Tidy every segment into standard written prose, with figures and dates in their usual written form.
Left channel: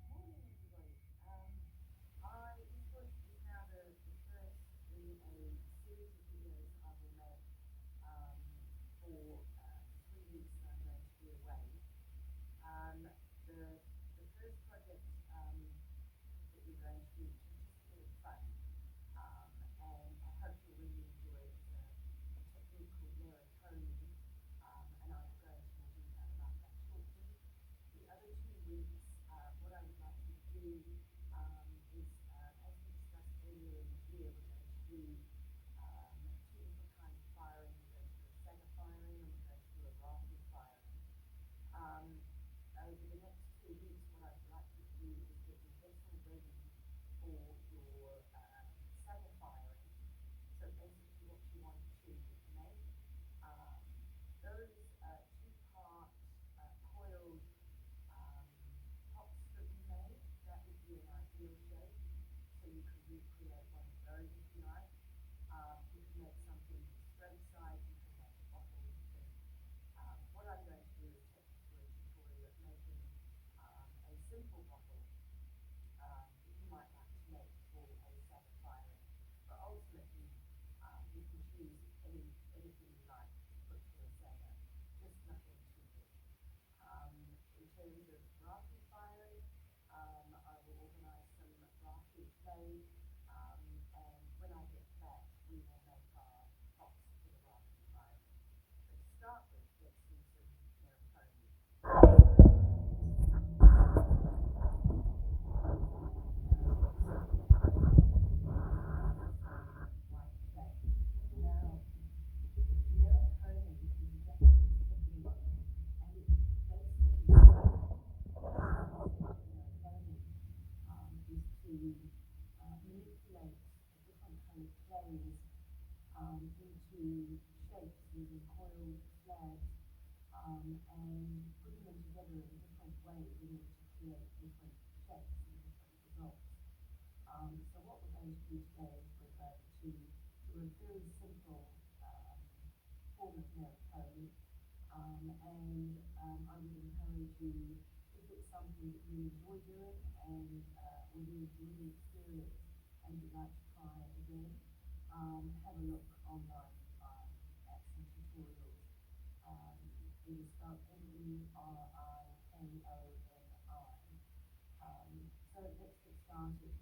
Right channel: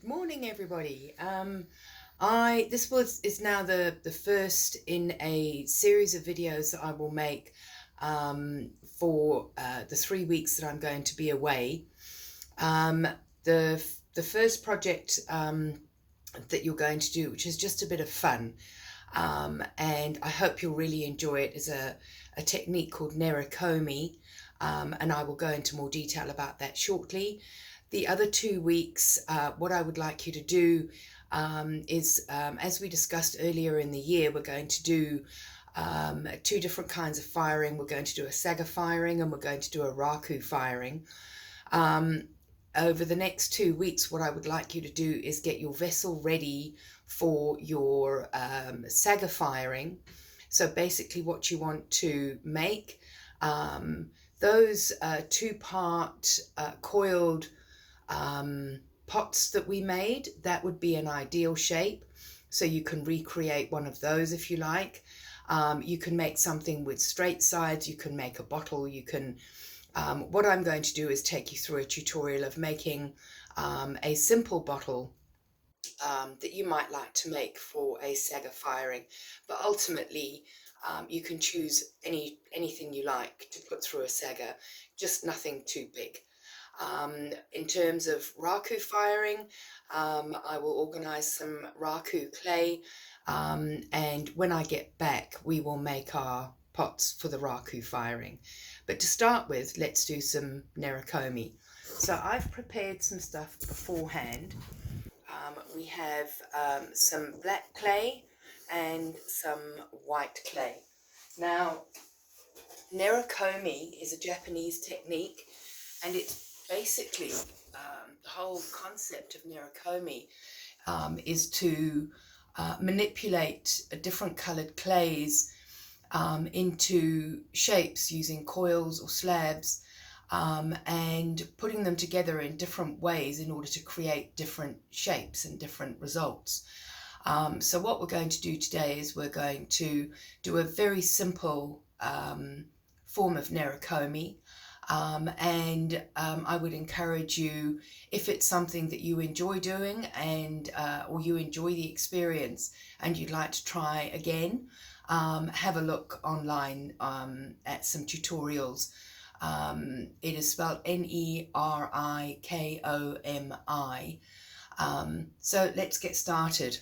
Good morning, everybody. This is now the first in a series of videos that I will make for the 3 weeks that I'm going to be away. Um, the first project that you're going to do, which is just a bit of fun, and I hope you'll really enjoy it, is a technique called Nerikomi, and I will go into more detail about that shortly. The other 2 weeks, what I would like you to do is, as we discussed earlier in the year, we're going to do two different kinds of firing. We're going to do a saga firing and we're going to do a raku firing. Over the next 2 weeks, what I would like you to do is get your vessel ready for your saga firing. So basically what you want to make, those two-part coiled pots that we made, that would be an ideal shape. So you can recreate one of those if you like. You can make something with straight sides, you can make a bottle, you can what I'm going to do is take you through a tutorial of making a simple bottle that you might like to make for a saga firing, but ultimately you can choose anything you like to put through a saga, just nothing too big. In terms of raku firing, I will organize some raku clay, and when I get back we will make our pots for the raku firing. But to start with, let's do some Nerikomi. So I've prepared some stuff beforehand. We have some black clay and some white clay. Now, Nerikomi is a Japanese technique, and it's basically the whole concept of Nerikomi is to manipulate different colored clays into shapes using coils or slabs, and putting them together in different ways in order to create different shapes and different results. So what we're going to do today is we're going to do a very simple form of Nerikomi, and I would encourage you, if it's something that you enjoy doing and or you enjoy the experience and you'd like to try again, have a look online at some tutorials. It is spelled Nerikomi. So let's get started.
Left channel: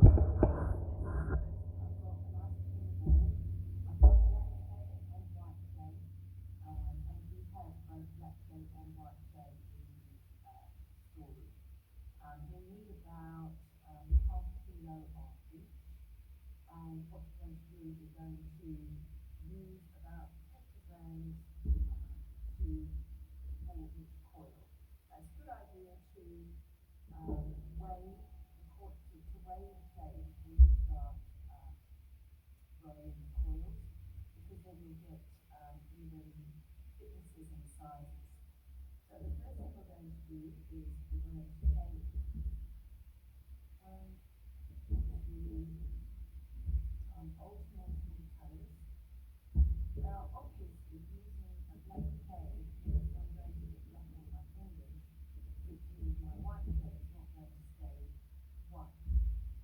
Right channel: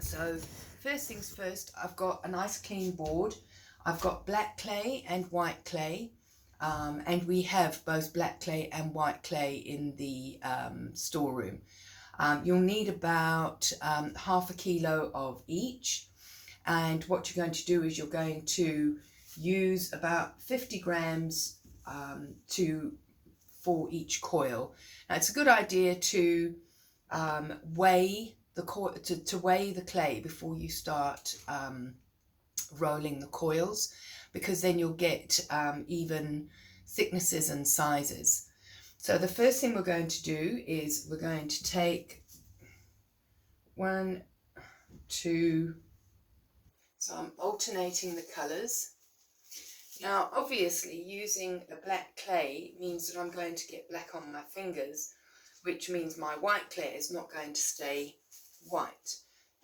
So first things first, I've got a nice clean board. I've got black clay and white clay, and we have both black clay and white clay in the storeroom. You'll need about half a kilo of each. And what you're going to do is you're going to use about 50 grams for each coil. Now it's a good idea to weigh the clay before you start rolling the coils, because then you'll get even thicknesses and sizes. So the first thing we're going to do is we're going to take 1, 2. So I'm alternating the colours. Now obviously using a black clay means that I'm going to get black on my fingers, which means my white clay is not going to stay white.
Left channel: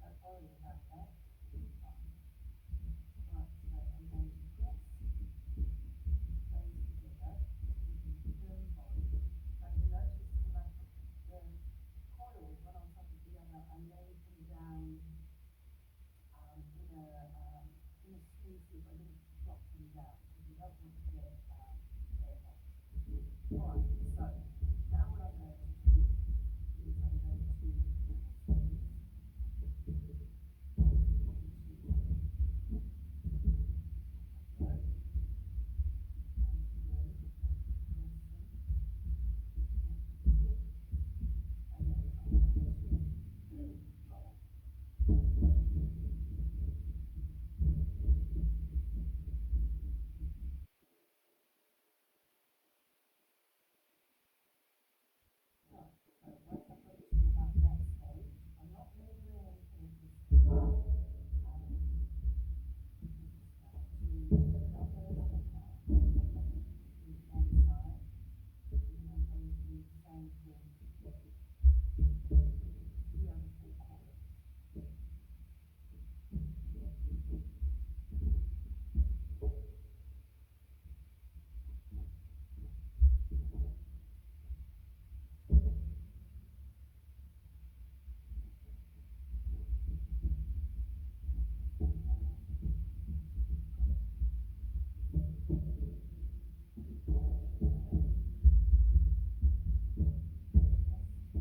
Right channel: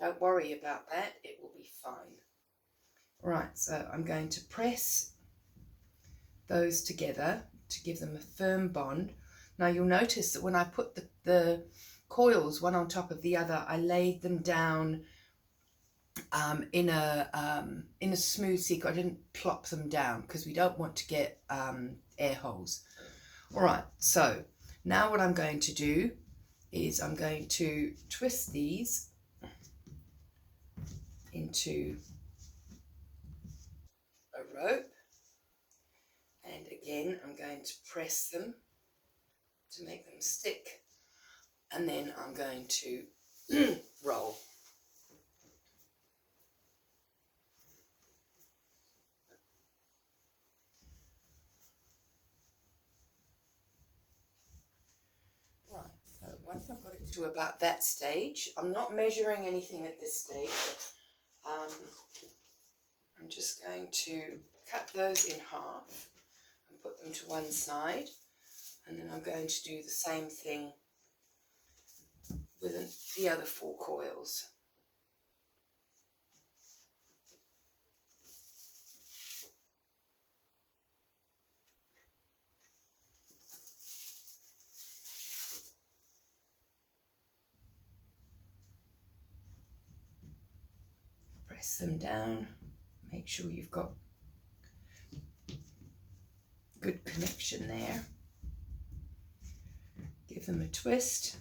Don't worry about that, it will be fine. Right, so I'm going to press those together to give them a firm bond. Now you'll notice that when I put the coils one on top of the other, I laid them down in a smooth sequence. I didn't plop them down because we don't want to get air holes. All right, so now what I'm going to do is I'm going to twist these into a rope, and again I'm going to press them to make them stick, and then I'm going to roll. Once I've got it to about that stage, I'm not measuring anything at this stage. I'm just going to cut those in half and put them to one side, and then I'm going to do the same thing the other 4 coils. Press them down, make sure you've got good connection there. Give them a twist.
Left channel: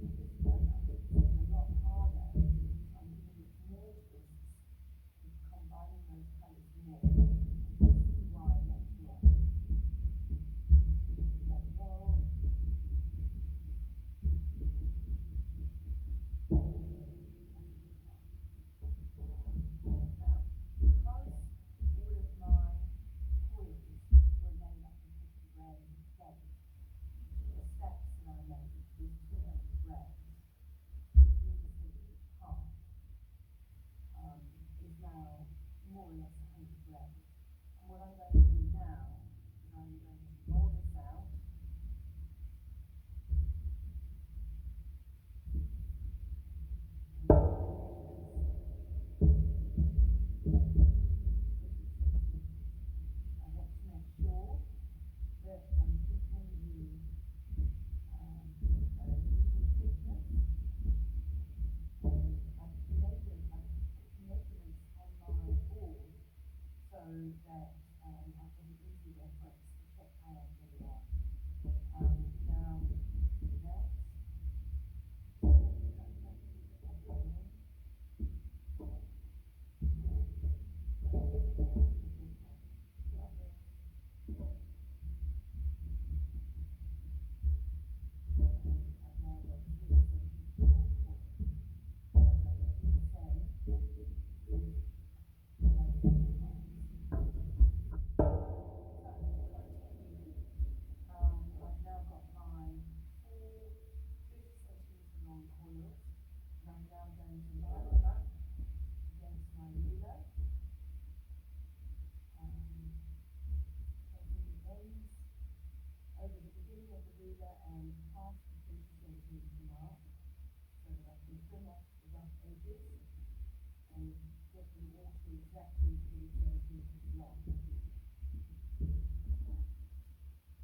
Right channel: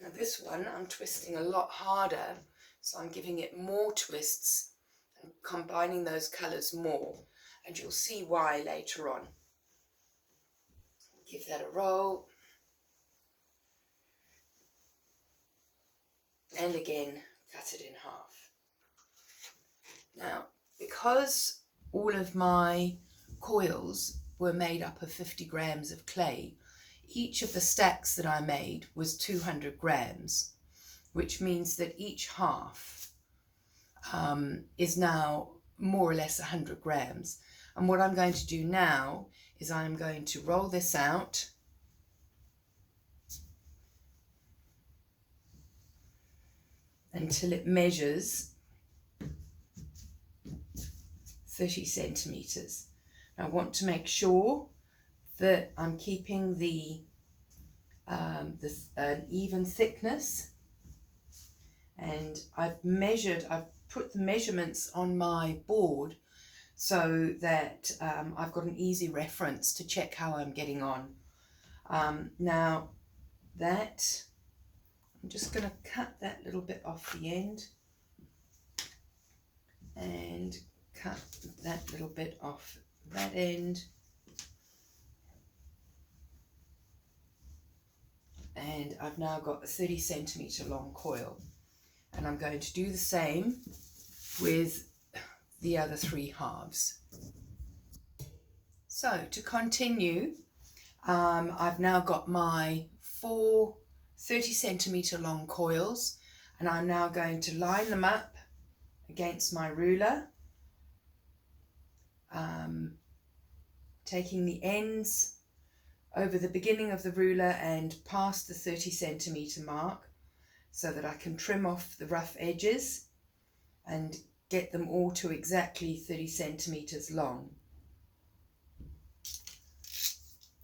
Now this one I'm twisting a lot harder, so I'm giving it more twists and combining those colours more, and you'll see why later on. Give that a roll. And again, cut it in half. Now, because all of my coils were made up of 50 grams of clay, each of the stacks that I made was 200 grams, which means that each half is now more or less 100 grams. And what I'm going to do now is I'm going to roll this out until it measures 30 centimeters. I want to make sure that I'm keeping the even thickness, and I've put the measurements on my board so that I've got an easy reference to check how I'm getting on. Now that I'm just going to cut that little bit off the end and cut that little bit off that end, and I've now got a 30 centimeter long coil, and I'm going to do the same with the other 3 halves. So to continue, I've now got my 4 30 centimeter long coils, and I'm now going to line them up against my ruler, taking the ends over the beginning of the ruler and past the 30 centimeter mark so that I can trim off the rough edges and get them all to exactly 30 centimeters long.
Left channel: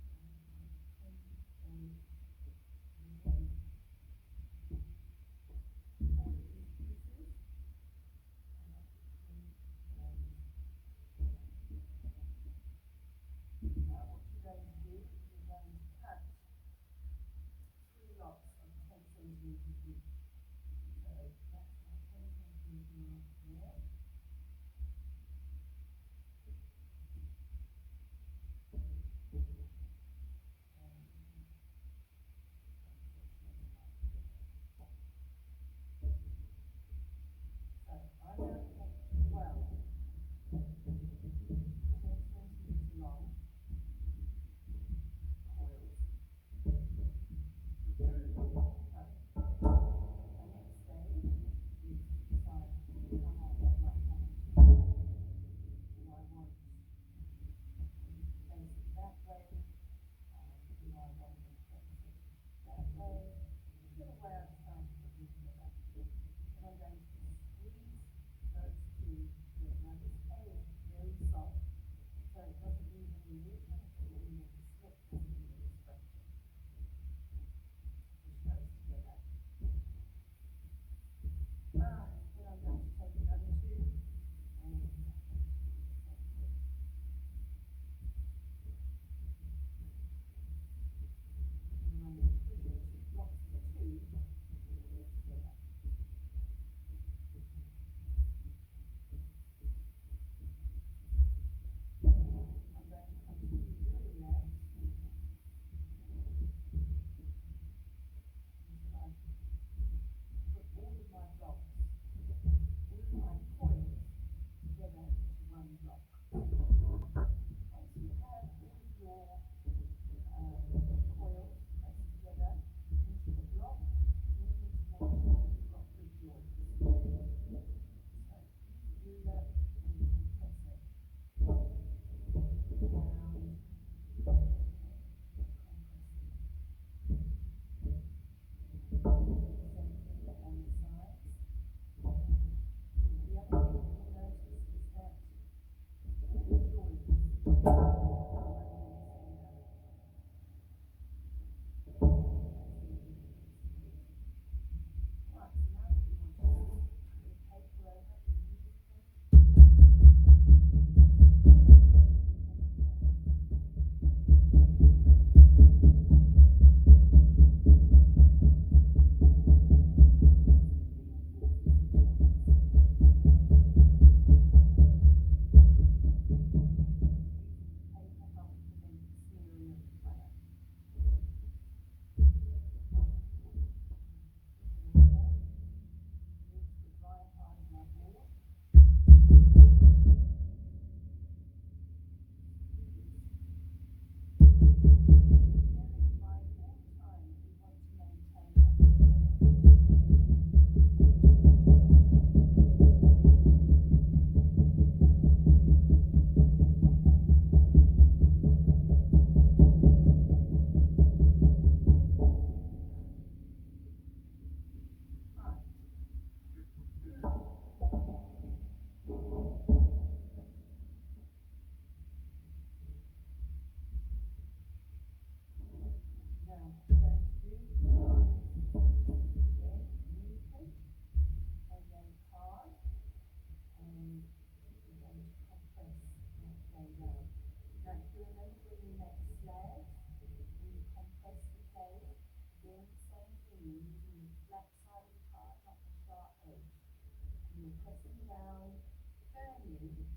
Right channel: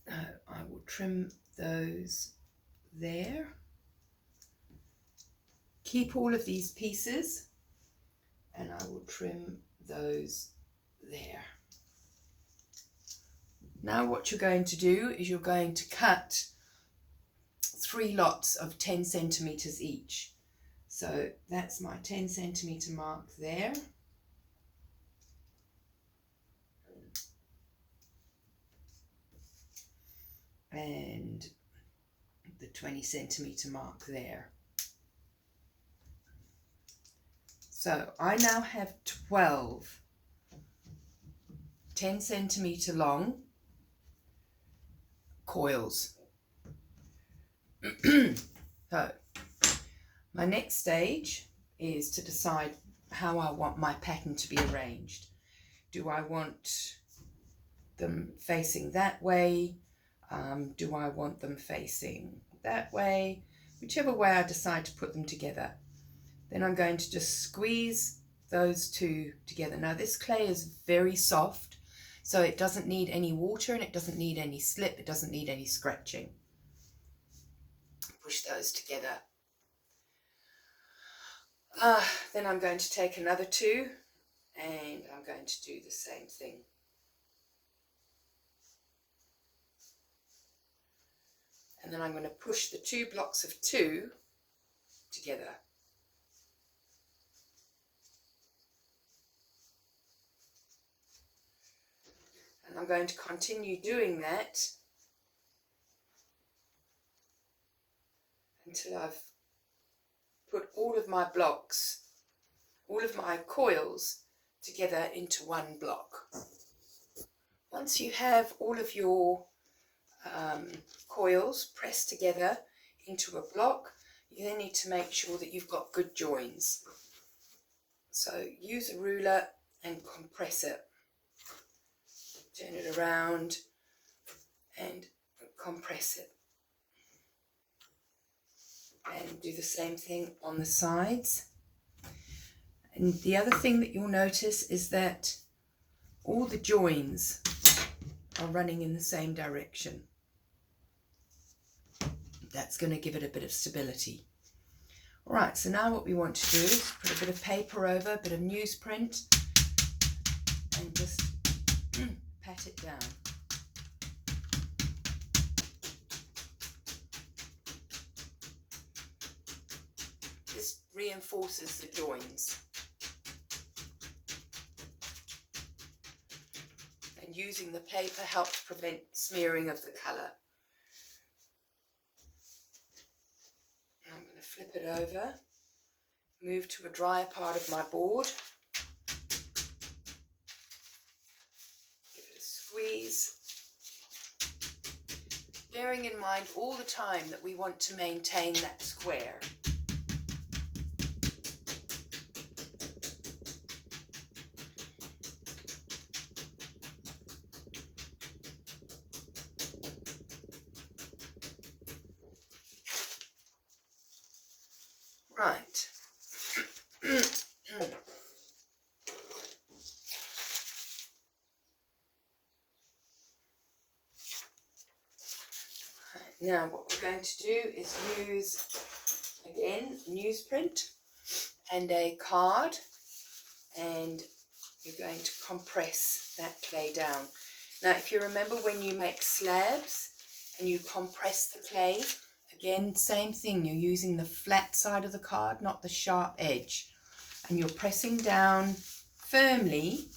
I will trim those there. Keep all of these pieces, and I will trim those there. Now what you're going to do is you're going to cut 3 lots of 10 centimeters each. So that's my 10 centimeter mark there. And the 20 centimeter mark there. So I now have 12 10 centimeter long coils. So my next stage is to decide how I want my pattern to be arranged. Do I want them facing that way? Do I want them facing that way? Whichever way I decide to put them together. Then I'm going to just squeeze those 2 together. Now this clay is very soft, so it doesn't need any water and it doesn't need any slip, it doesn't need any scratching. Push those together. Then I'm going to take another 2 and I'm going to do the same thing. And then I'm going to push the 2 blocks of 2 together. And I'm going to continue doing that until I've put all of my blocks, all of my coils together into one block. Once you have all of your coils pressed together into a block, you then need to make sure that you've got good joins. So use a ruler and compress it. Turn it around and compress it. And do the same thing on the sides. And the other thing that you'll notice is that all the joins are running in the same direction. That's going to give it a bit of stability. All right, so now what we want to do is put a bit of paper over, a bit of newsprint, and just pat it down. This reinforces the joins. And using the paper helps prevent smearing of the colour. Flip it over, move to a drier part of my board, give it a squeeze, bearing in mind all the time that we want to maintain that square. Right. Now what we're going to do is use, again, newsprint and a card, and you're going to compress that clay down. Now if you remember when you make slabs and you compress the clay, again, same thing, you're using the flat side of the card, not the sharp edge. And you're pressing down firmly,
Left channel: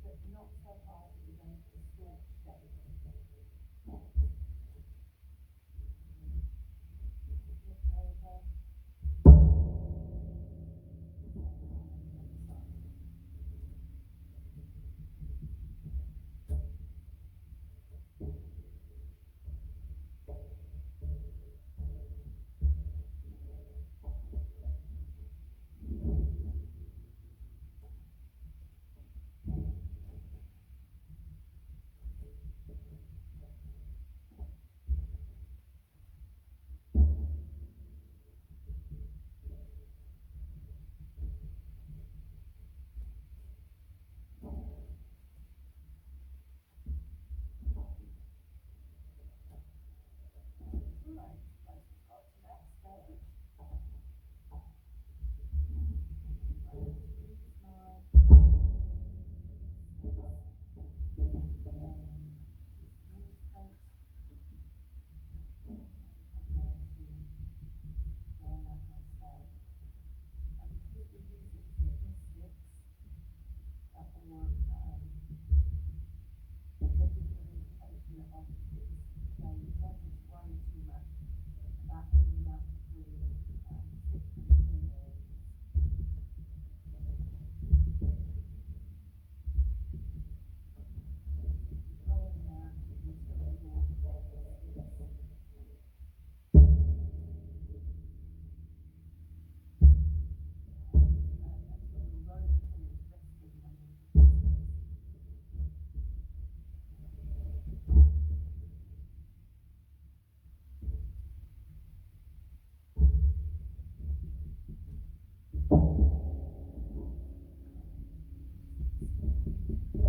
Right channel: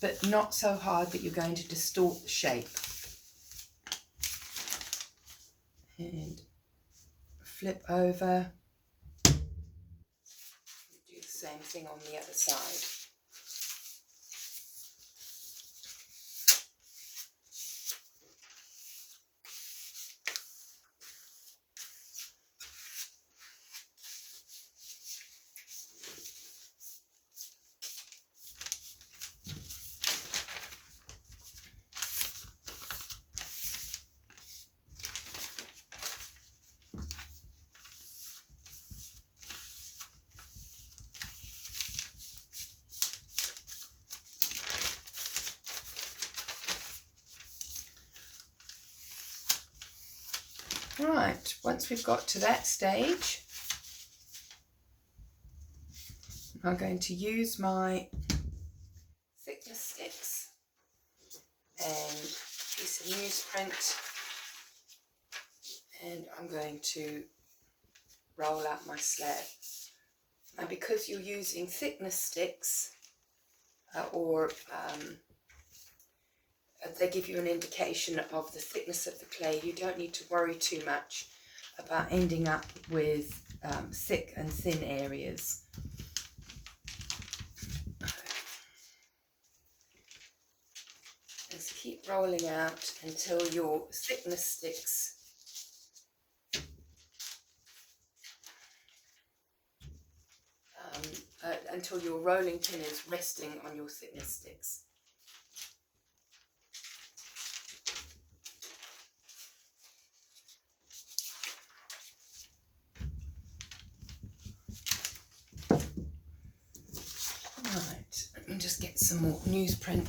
but not so hard that you're going to distort the shape. And flip over. Do the same thing on the other side. Right, once we've got to that stage, I'm going to use my thickness sticks and a piece of newsprint, and I'm going to roll out my slab. And because you're using thickness sticks they give you an indication of the thickness of the clay, you don't need to worry too much about ending up with thick and thin areas. Just keep rolling out until your thickness sticks until your rolling pin is resting on your thickness sticks. Right, let me just get some more newsprint.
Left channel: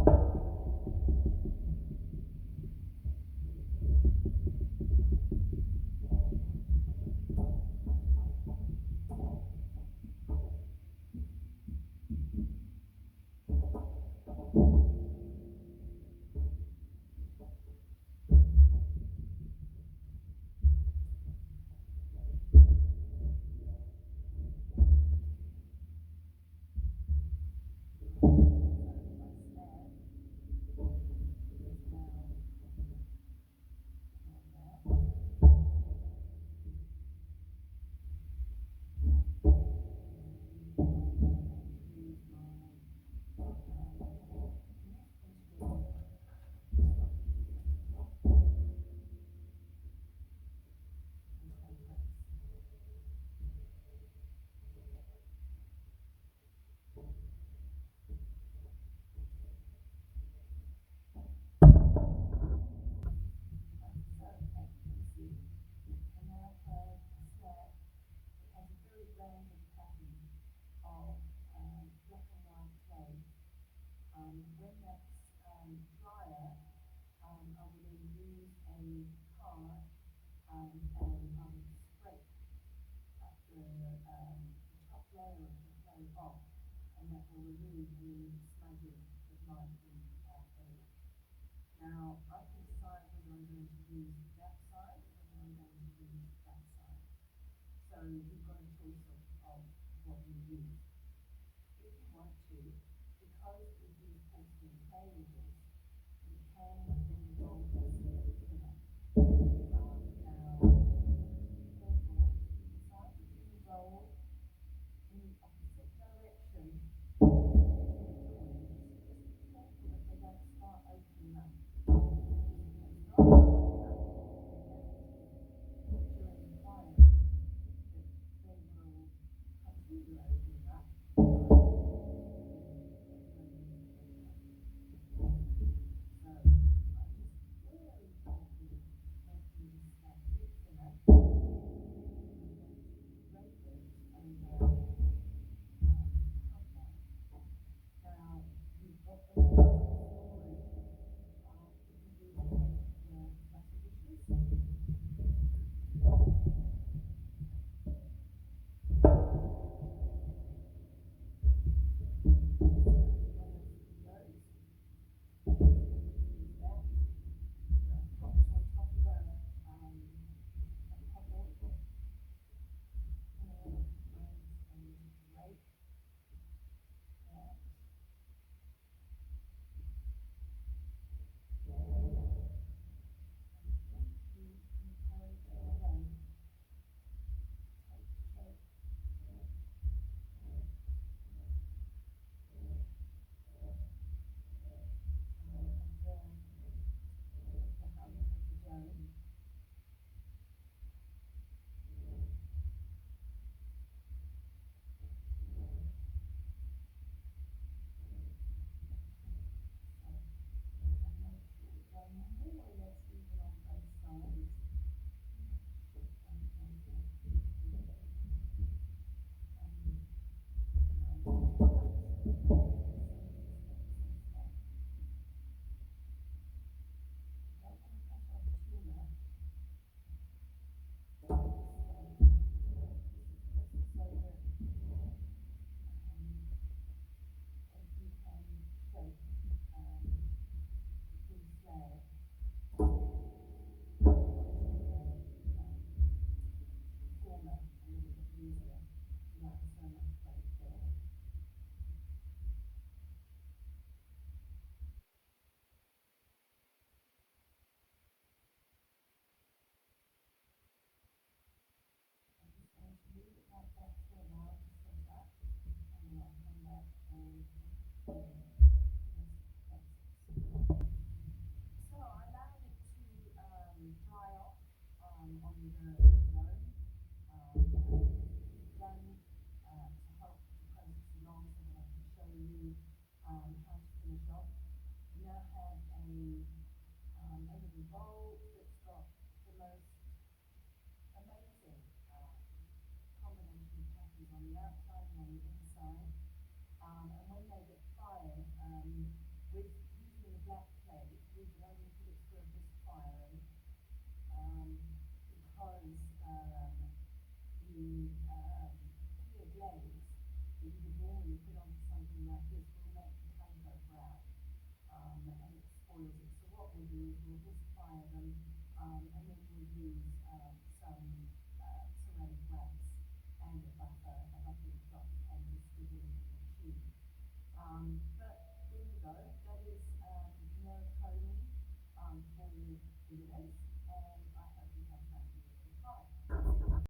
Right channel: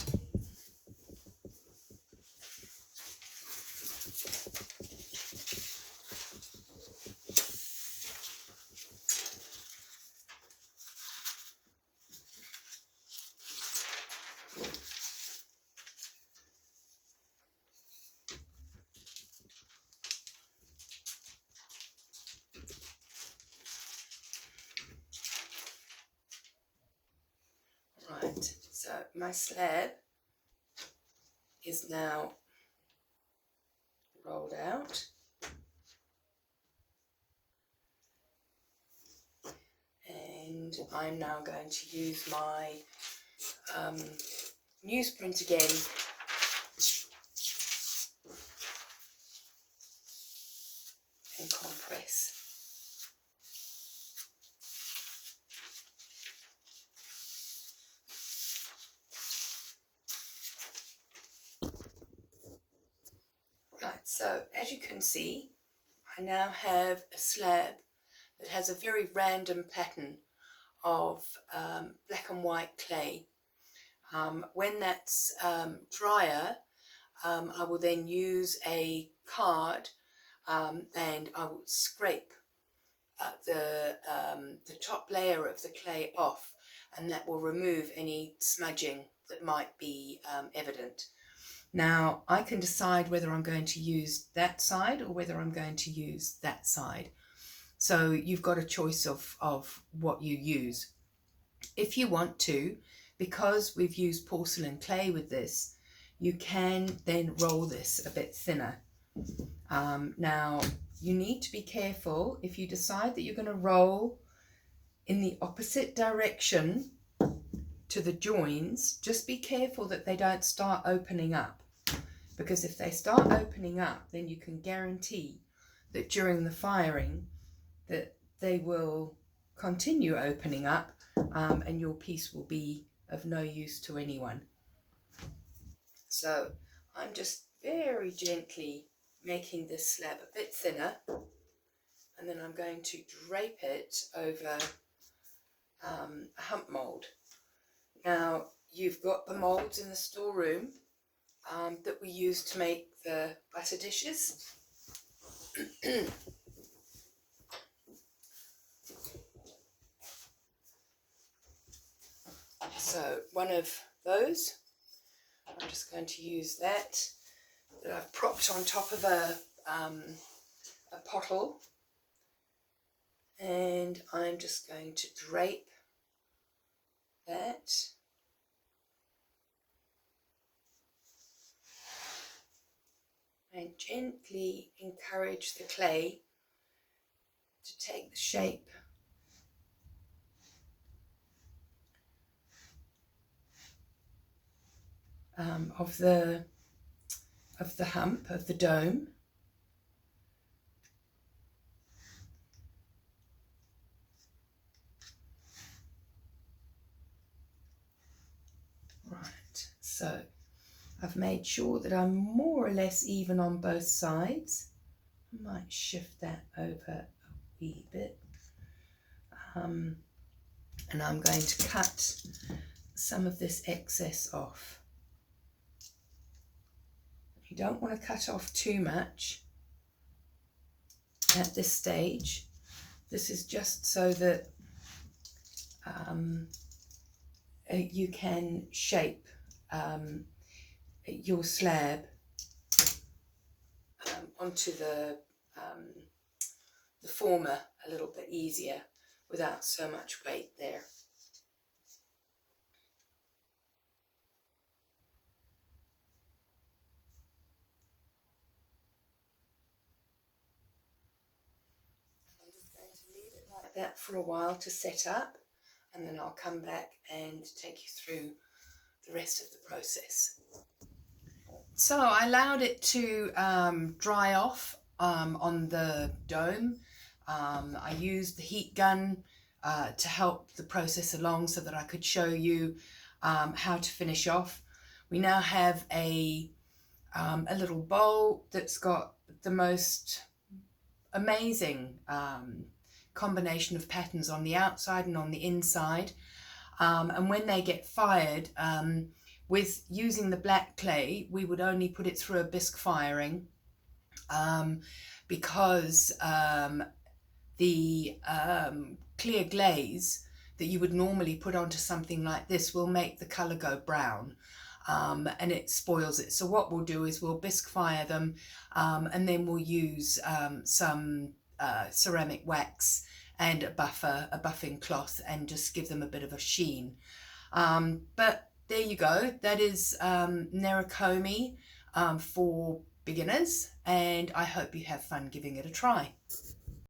So my slab is now rolled out, and I'm now going to use my newsprint again and compress. So as you can see, I now have a slab that has a very random pattern of black and white clay. When that's drier, I will then use a card and I will scrape the top layer of the clay off, and that will remove any smudging that might be evident. Now I can decide whether I'm going to use that side or whether I'm going to use that side. So you've got a choice of what you use. If you want to, because we've used porcelain clay with this, you can then roll this a bit thinner. Now you need to be careful if you decide that you're going to roll in the opposite direction to the joins. Just be careful that they don't start opening up, because if they start opening up, then you can guarantee that during the firing that they will continue opening up, and your piece will be of no use to anyone. So I'm just very gently making this slab a bit thinner, and then I'm going to drape it over a hump mould. Now you've got the moulds in the storeroom that we use to make the butter dishes. So one of those, I'm just going to use that I've propped on top of a pottle, and I'm just going to drape that. And gently encourage the clay to take the shape of the hump, of the dome. Right, so I've made sure that I'm more or less even on both sides. I might shift that over a wee bit. And I'm going to cut some of this excess off. You don't want to cut off too much at this stage. This is just so that you can shape your slab onto the former a little bit easier without so much weight there. I'm just going to leave it like that for a while to set up, and then I'll come back and take you through the rest of the process. So I allowed it to dry off on the dome. I used the heat gun to help the process along so that I could show you how to finish off. We now have a little bowl that's got the most amazing combination of patterns on the outside and on the inside. And when they get fired, with using the black clay, we would only put it through a bisque firing because the clear glaze that you would normally put onto something like this will make the colour go brown, and it spoils it. So what we'll do is we'll bisque fire them, and then we'll use some ceramic wax and a buffing cloth, and just give them a bit of a sheen. But there you go, that is Nerikomi for beginners, and I hope you have fun giving it a try.